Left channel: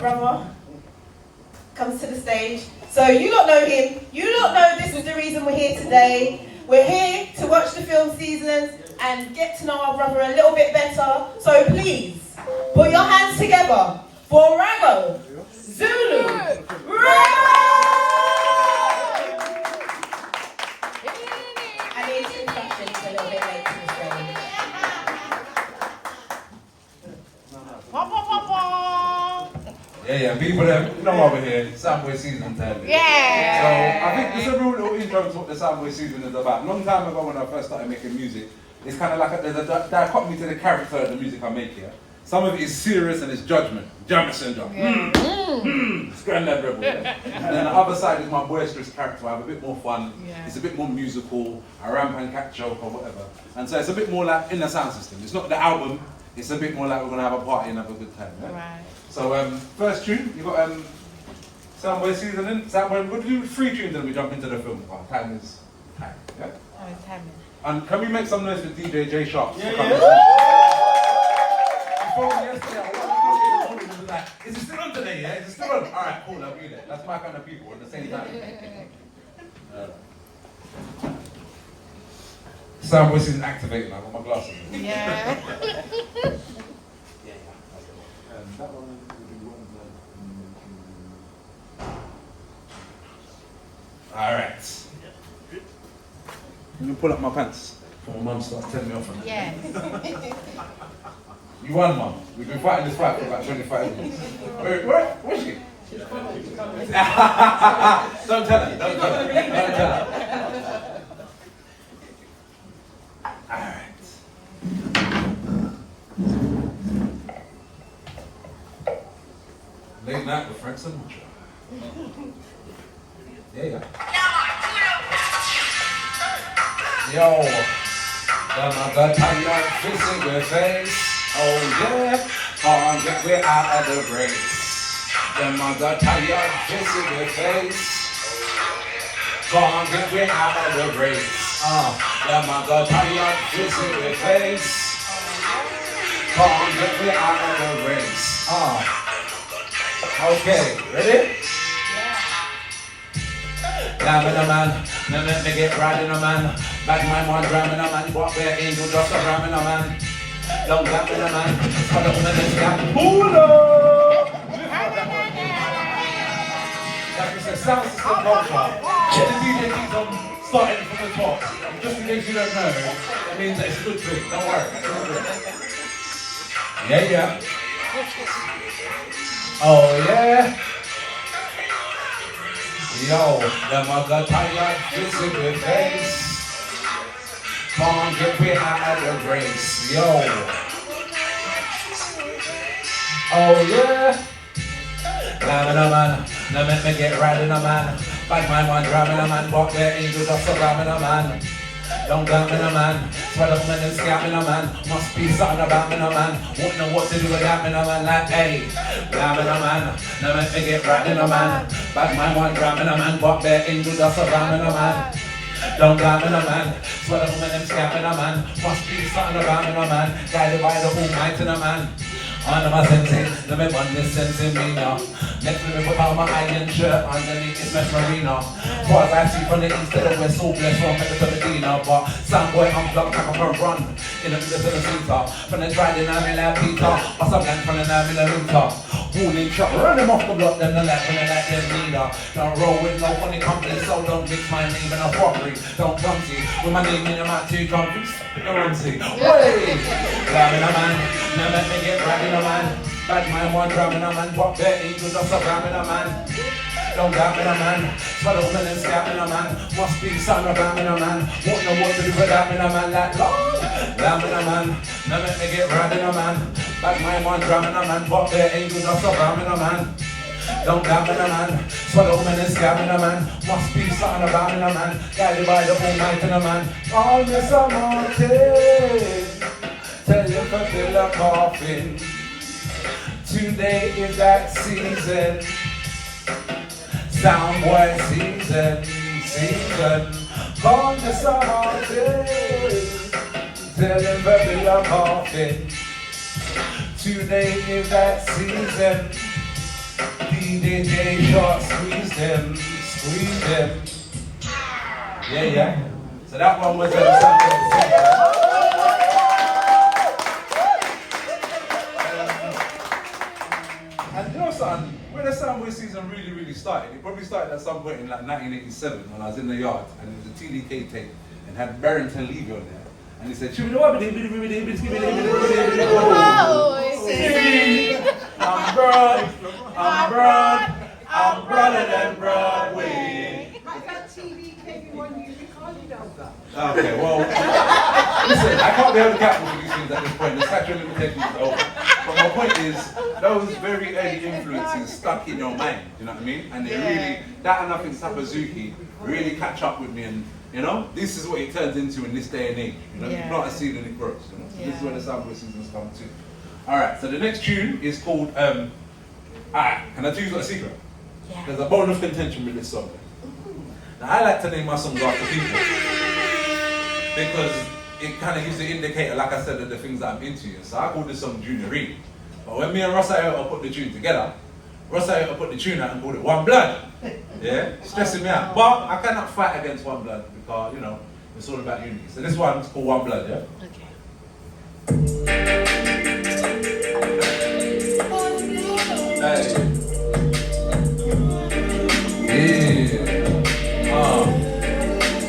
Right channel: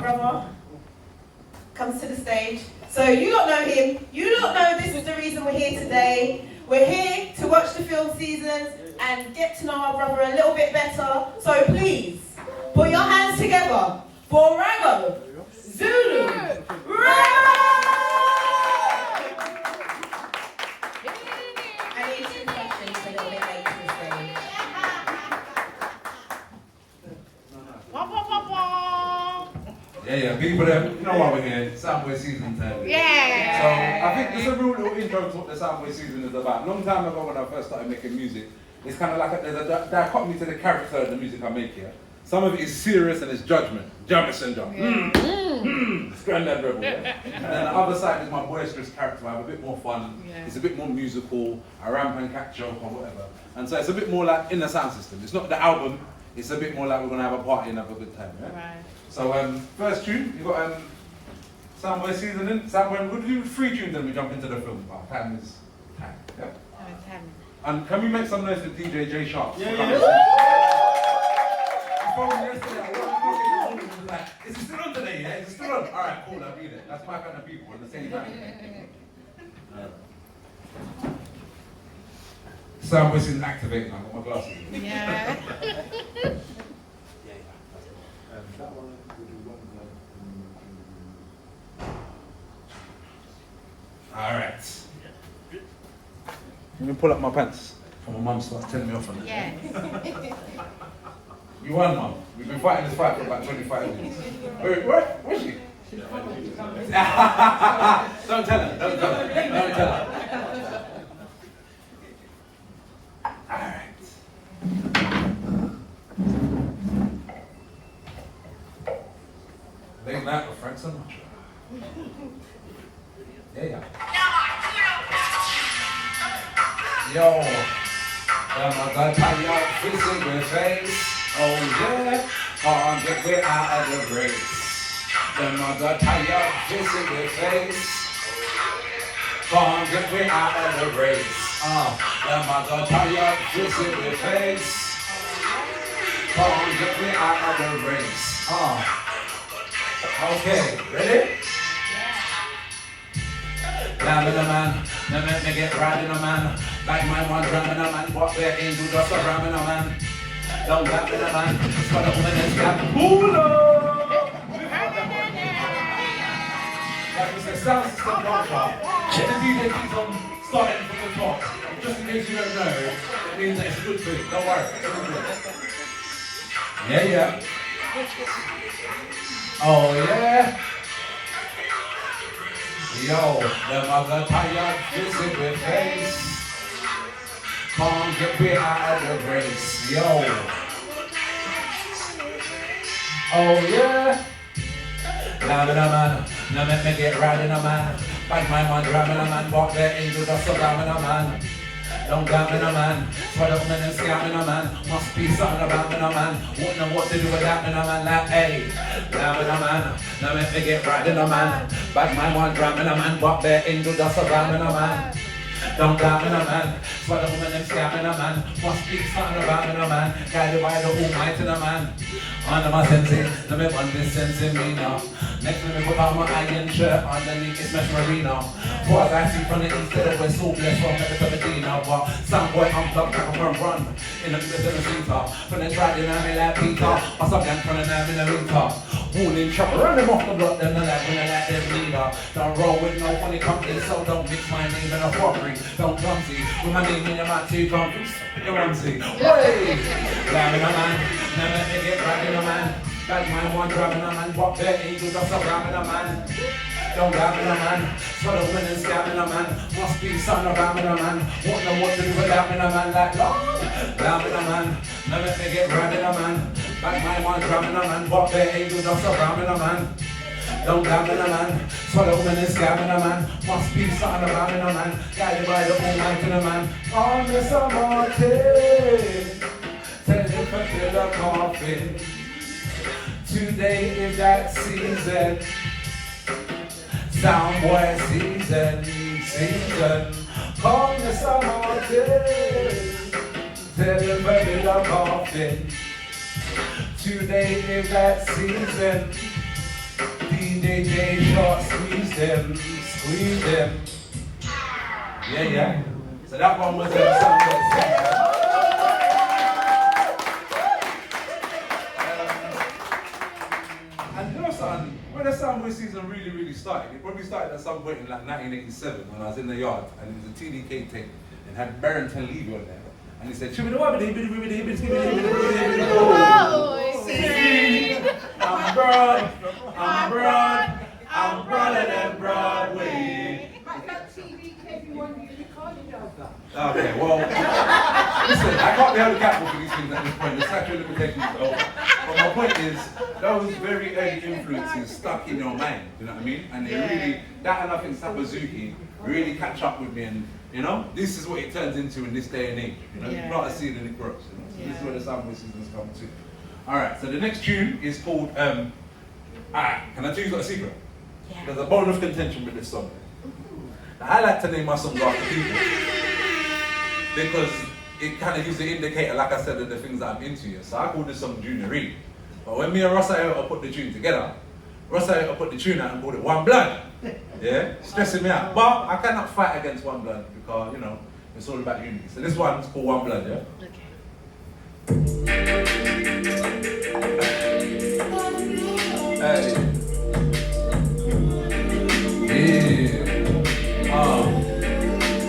brother comes to the stage. So you don't know him, you don't know this is the reason we're here today. We're here to watch the film Seasons and get to know our brother a little bit better. So please, put your hands together for Rago, Zulu, Rago! And his introduction is a little bit late to the show. Yeah, people there, you know why we're here, SoundBoy SZN time. Yeah! So, I think it's a real little intro to what the SoundBoy SZN is about. A long time ago when I first started making music, it's kind of like there's a dichotomy to the character of the music I make here. Some of it is serious and it's judgment, Jamison John. It's Granddad Rebel, yeah? And then the other side is my boisterous character. I have a bit more fun, it's a bit more musical, I ramp and catch joke or whatever. And so it's a bit more like in the sound system. It's not the album, it's a bit more like we're going to have a party and have a good time, yeah? Right. So first tune, you got SoundBoy SZN in. SoundBoy, we'll do 3 tunes then we jump into the film. Time is time, yeah? Time. And can we make some noise for DJ J Sharp? Yeah. Is it still on today, yeah? Is it still on? Alright, cool, I'll be there. That's my kind of people at the same time. SoundBoy SZN activating, I've got my glasses in. Yeah. That one will do one. Alright. I'm gonna pull up my pants. For my mum starts telling me off. Yeah. You won, Mum. We've been fighting this fight for about 25 years. Where's she? Don't tell her, don't tell her, don't tell her. Alright. Late night with Frank Sinatra. Yeah. Yo, am I gonna tie your fist in your face? Oh yeah, can't get me out of the race. Am I gonna tie your fist in your face? Can't get me out of the race. Am I gonna tie your fist in your face? Can't get me out of the race. Okay, ready? Damn a man, they make me get right in a man. Bad mind one gramming a man, what their angel just a ramming a man. Don't gap in a man, for the woman is gap. Hula! That is a sound system culture. The DJ keeps on starting from the top. Just in case you don't know, it means that it's a good thing. Don't worry, it's a good thing. Yeah. Oh yeah. Yo, them are gonna tie your fist in your face. Can't get me out of the race. Yo. Oh yeah. Down in a man, now make me get right in a man. Bad mind one driving a man, but their angel just a grabbing a man. Don't doubt in a man, sweat up men and scamming a man. Must be something about me, no man. Wouldn't know what to do with that, me, no man. Like, hey, grabbing a man, now make me get right in a man. Bad mind one grabbing a man, but their angel just a grabbing a man. Don't doubt in a man, sweat up men and scamming a man. Must be something about me, no man. Guided by the Almighty, no man. Under my senses, let me run this sense in me now. Next to the Bahama Iron shirt, underneath it's Mesh Marino. For as I see from the east to the west, so blessed from the Medina. But SoundBoy, I'm blocked like a front run in the middle of the center. From the dry dynamic like Peter, or some land from the 9mm. Warning shot, run them off the block, then the left, and the left, then leader. Don't roll with no funny company, so don't mix my name in a robbery. Don't clumsy, with my name in a mat too, don't pick a rumsy. Hey! Grabbing a man, now let me get right in a man. Bad mind one drumming a man, what their angel just a grabbing a man. Don't doubt in a man, sweat open and scamming a man. Must be son of a man, won't know what to do without me a man like Lord. Damn in a man, now let me get right in a man. Bad mind one drumming a man, what their angel just a grabbing a man. Don't doubt in a man, sweat open and scamming a man. Must be son of a man, guided by the Almighty in a man. All Mr. Martin, tell you to fill a coffin. Today is that season. SoundBoy SZN. Come the summer day. Tell him to fill a coffin. Today is that season. DJ short, squeeze them. Yeah. So that one was SoundBoy. And you know something, when the SoundBoy season really started, it probably started at some point in like 1987 when I was in the yard and it was a TDK tape and had Barrington Levy on there. And he said, I'm broader than Broadway. Okay, well, listen, I can't be able to capture for these things at this point. The statute of limitations is over. But my point is, those very early influences stuck in your mind, you know what I mean? And they really, that and I think Sapazuki really catch up with me and, you know, this is what it turns into in this day and age. You know, you plant a seed and it grows, you know? So this is where the SoundBoy season's come to. Alright, so the next tune is called, can I tell you got a secret? Yeah. There's a bone of contention with this song. Now, I like to name my songs after people because it kind of gives you an indicator, like I said, of the things that I'm into. So I call this song Junior Reed. But when me and Ross Iota put the tune together, Ross Iota put the tune out and called it One Blood. Yeah, stressing me out. But I cannot fight against One Blood because, you know, it's all about unity. So this one's called One Blood, yeah? Hey.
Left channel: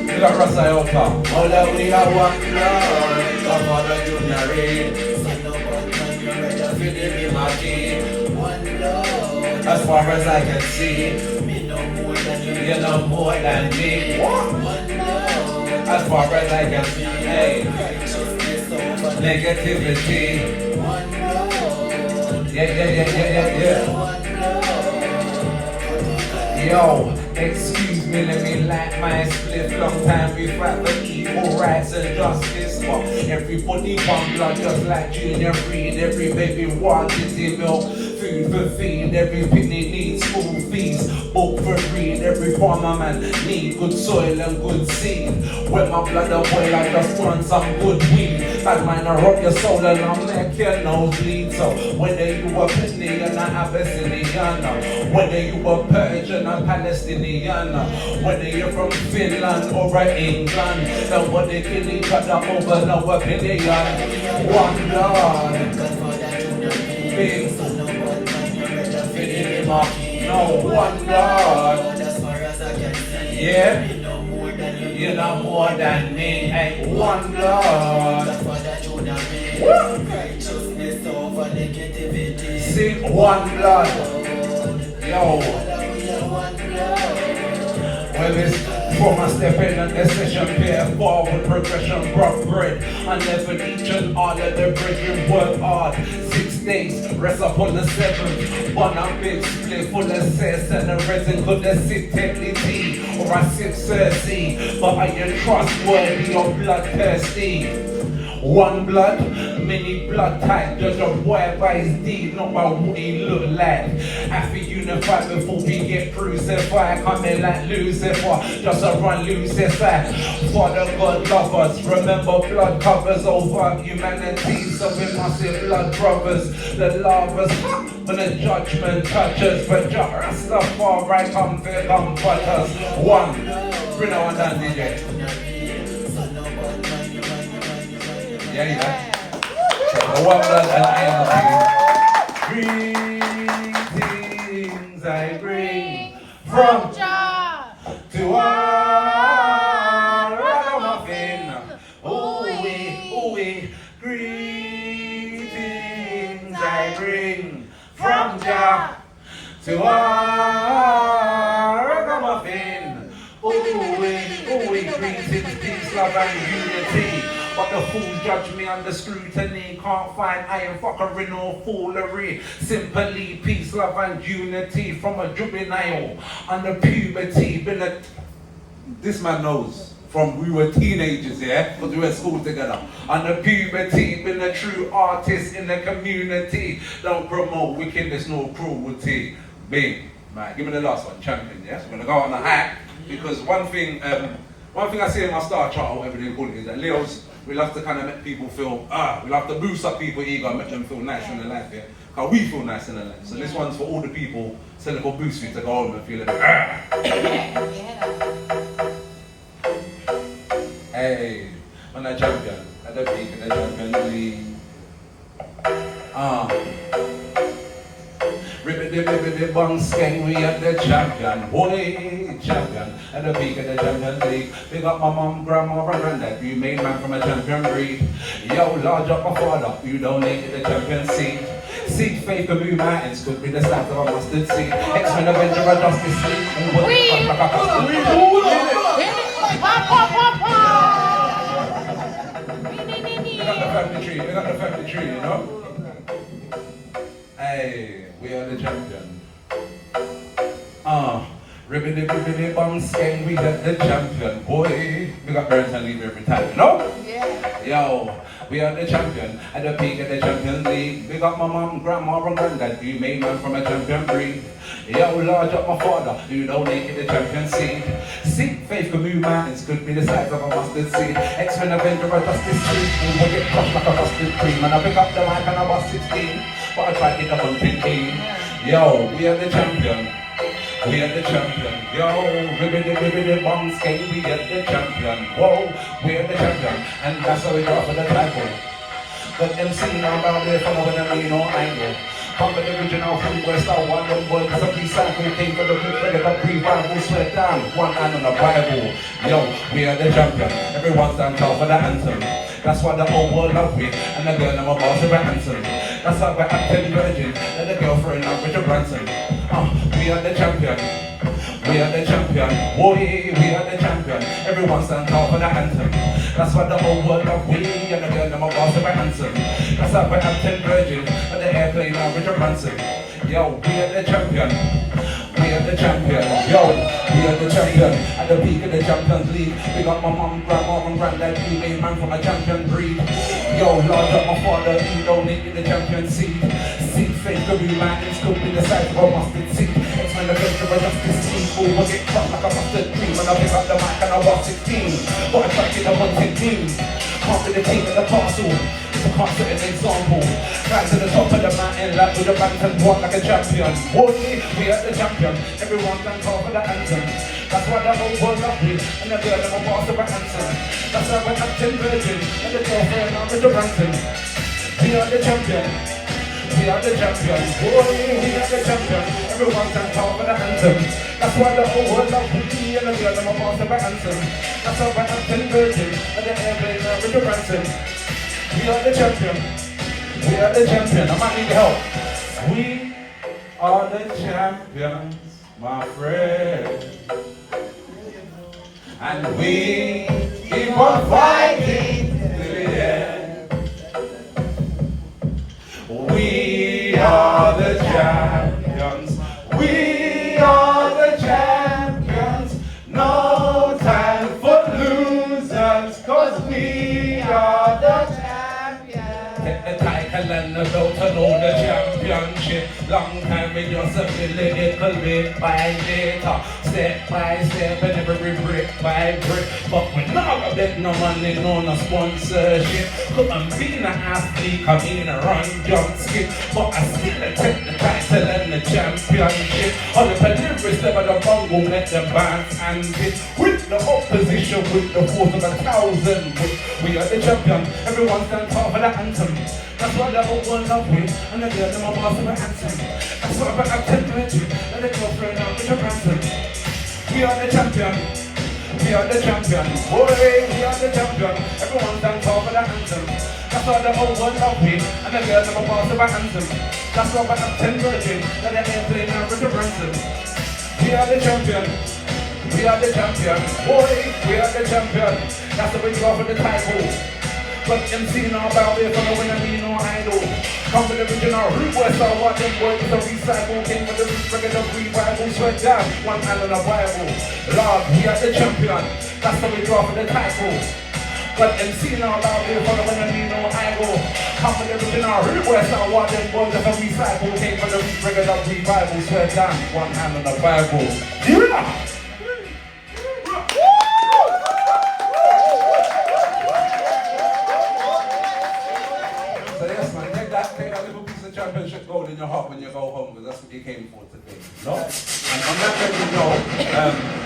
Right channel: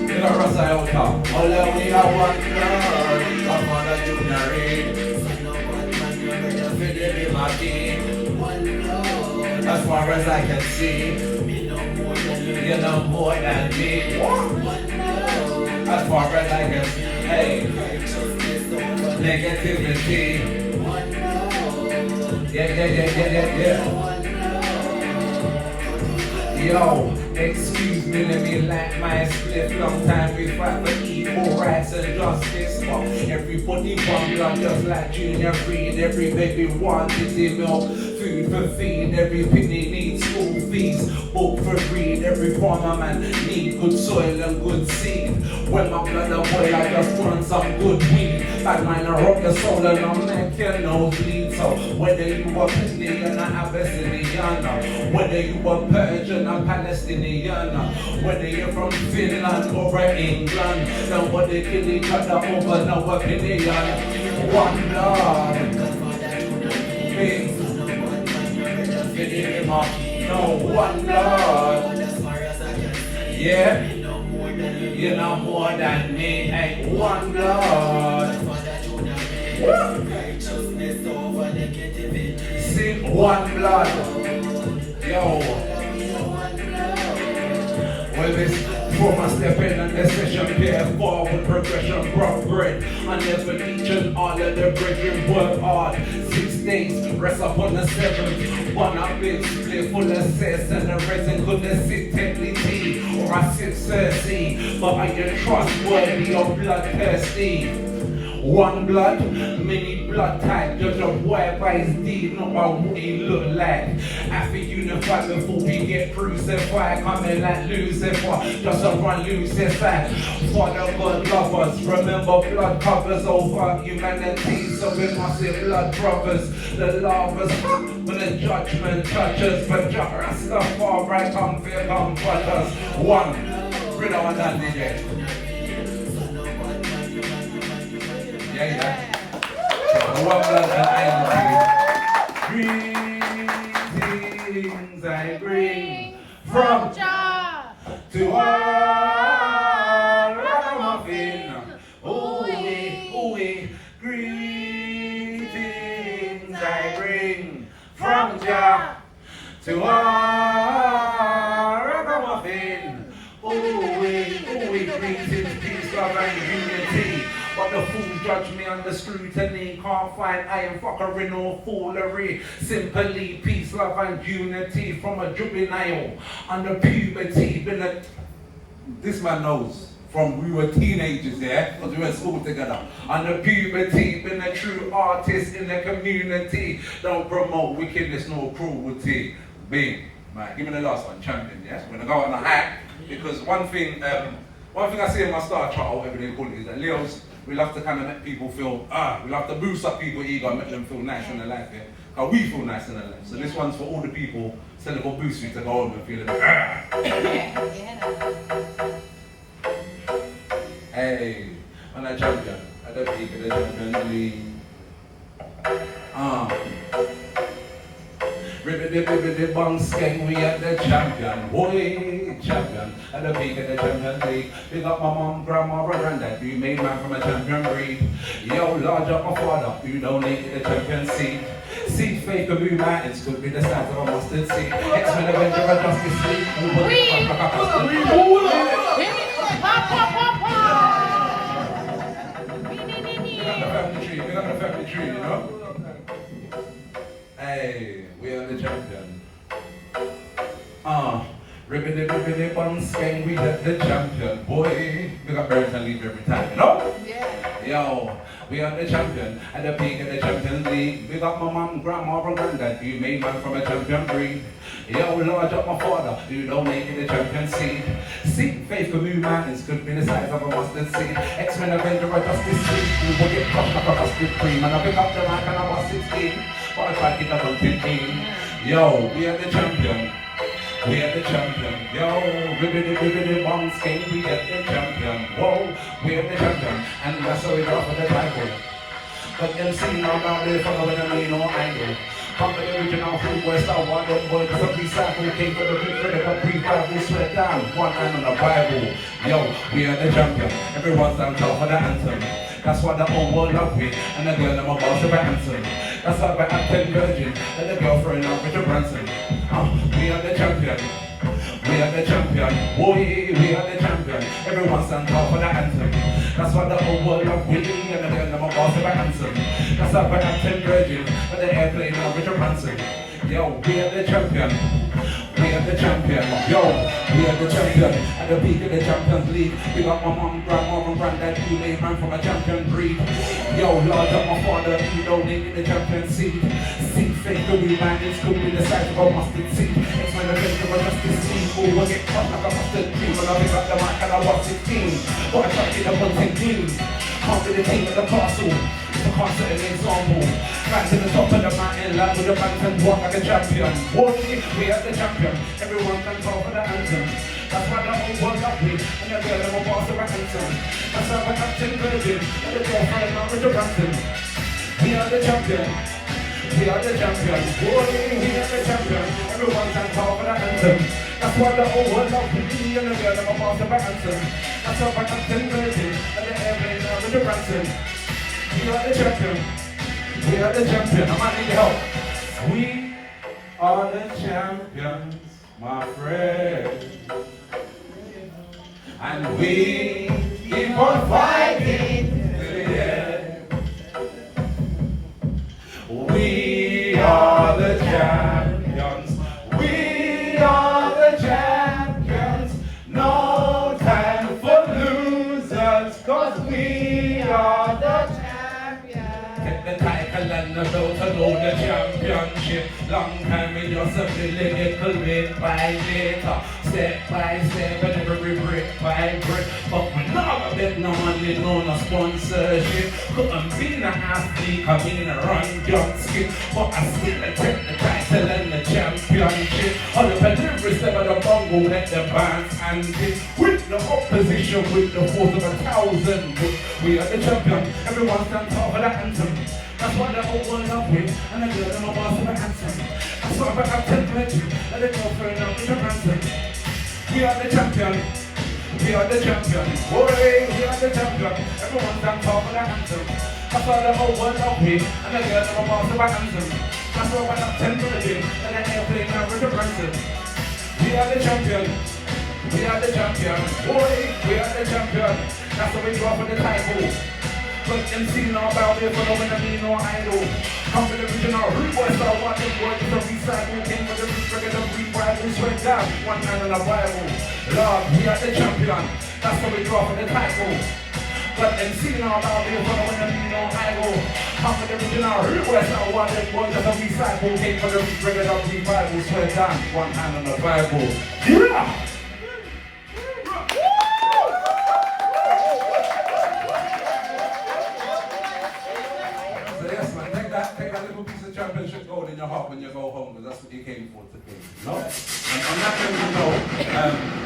We got Ross Iota. All that we are one blood. Come on, the Junior Reed. As far as I can see, you know more than me. As far as I can see, hey, negativity. Yeah. Yo, excuse me, let me light my split. Long time we fight for equal rights and justice. But everybody one blood just like Junior Reed. Every baby wanted the milk, food for feed. Every penny needs school fees, book for read. Every farmer man need good soil and good seed. When my blood a boil, I just want some good weed. Bad man, I rock your soul and I'll make your nose bleed. So whether you a penny and an Abyssinian, whether you a Persian or Palestinian, whether you're from Finland or England, nobody kill each other over no opinion. One blood, big, no one blood. Yeah, you know more than me. Hey, one blood. See, one blood. Yo. When it's from I step in and the session pair forward progression, rough bread. I never each and all of the brethren work hard. 6 days, rest upon the 7th. One up big split full of cess and the resin could have sit technically. Or I sip Cersei, but I ain't trustworthy or bloodthirsty. One blood, many blood type, judge a boy by his deed, not by what he look like. After unified before we get crucified, coming like Lucifer, just a run Lucifer. Father God lovers, remember blood covers over humanity, so we must be blood brothers. The lovers, when the judgment touches, but Rastafari come to comfort us. One, bring on that DJ. Yeah. One blood and greetings I bring from Jah to our ragamuffin. Ooh-wee, greetings I bring from Jah to our ragamuffin. Ooh-wee, greetings, peace, love and unity. But the fools judge me under scrutiny. Can't find iron fuckery or foolery. Simply peace, love and unity. From a juvenile under puberty. This man knows from we were teenagers, yeah? Because we were at school together. Under puberty, been a true artist in the community. Don't promote wickedness nor cruelty. Big. Man, give me the last one, champion, yeah? So we're gonna go on the high. Because one thing I see in my star chart, or whatever they call it, is that Leo's, we love to kind of make people feel, we love to boost up people's ego and make them feel nice in their life, yeah? Cause we feel nice and alive. So this one's for all the people selling for boost you to go home and feel a bit. Hey, I'm a champion. I don't keep it a champion league. Ribbit bong skeng, we at the champion, boy, champion, at the peak of the champion league. Big up my mom, grandma, and granddad, you made man from a champion breed. Yo, large up my father, you donated the champion seed. Seed fake of mountains could be the size of a mustard seed. X-Men Avenger, a justice league, and what the fuck like a custard. We got the family tree, you know? Hey, we are the champion. Ribbity bong skeng, we are the champion. Boy, we got birds and leave every time, you know? Yeah. Yo, we are the champion. At the peak of the champion league. Big up my mom, grandma, and granddad. You made man from a champion breed. Yo, large up my father. You don't make it the champion seed. Seed faith of mountains could be the size of a mustard seed. X-Men Avenger, I just this street. Who would get crushed like a busted cream? And I pick up the line and I was 16. But I tried to get up 15. Yo, we are the champion. We are the champion. Yo, ribbity bong skeng, we are the champion. Whoa, we are the champion. And that's how we go for the title. But them singing out loud there, following them, you know, idol. Come with the original food, West I want them boy, cause a piece sample came for the flip, they got pre-Bible, sweat down, one hand on the Bible. Yo, we are the champion. Everyone's done top for the anthem. That's why the whole world love me, and the girl never boss of the anthem. That's why I'm 10 virgin, and the girlfriend of Richard Branson. We are the champion. We are the champion. Boy, we are the champion. Everyone stand tall for the anthem. That's why the whole world love me, and the girl never boss of the anthem. That's why I'm 10 virgin, and the airplane of Richard Branson. Yo, we are the champion. We are the champion. Yo, we are the champion. At the peak of the Champions League. We got my mom, grandma, and granddad. We made man from a champion breed. Yo, Lord of my father, you donated the champion seed. Seed fake the mountains could be the size of a mustard seed. X-Men Avenger, a justice league. Who was it cut like a mustard cream? When I pick up the mic and I was 16. But I tried to the 115. Can't be the team at the castle. If I can't set an example. Rise to the top of the mountain, land with the bands and walk like a champion. Boy, we are the champion. Everyone can call for the anthem. That's why the whole world love me, and the girl never boss the anthem. That's why we're acting virgin, and the girlfriend out with the ransom. We are the champion. We are the champion. Boy, we are the champion. Everyone can call for the anthem. That's why the whole world love me, and the girl never boss the anthem. That's why we're acting virgin, and the girlfriend out with the ransom. We are the champion. We are the champion. I might need help. We are the champions, my friend. And we keep on fighting to the end. We are the champions. We are the champions. No time for losers, cause we are the champions. Take the title and the belt and know the championship. Long time in your civilian, bit by later. Step by step and every brick by brick. But we never bet no money, no sponsorship. Couldn't be an athlete, I mean a run, jump, skip. But I still take the title and the championship. All the deliveries never the bongo, let the bands and it. With the opposition, with the force of 1,000 wit. We are the champion, everyone stand tall for the anthem. That's why the whole world love me, and the girl never boss my anthem. That's why I take virgin, and the girlfriend out with the ransom. We are the champion. We are the champion. Boy, we are the champion. Everyone stand tall for the anthem. That's why the whole world love me, and the girl never boss my anthem. That's why I'm 10 virgin, and the airplane out with the ransom. We are the champion. We are the champion. Boy, we are the champion. That's the way we go for the title. But MC know about it, following I mean no idol. Come to the original root west, I want them boys to recycle. Came for the roots, regular revival. Sweat down, one hand on the Bible. Lord, we are the champion. That's the way we go for the title. But MC know about it, following I mean no idol. Come to the original root west, I want them boys to recycle. Came for the roots, regular revival. Sweat down, one hand on the Bible. Yeah! Take that little piece of championship gold and home because that's what you came for today. No. And on that note,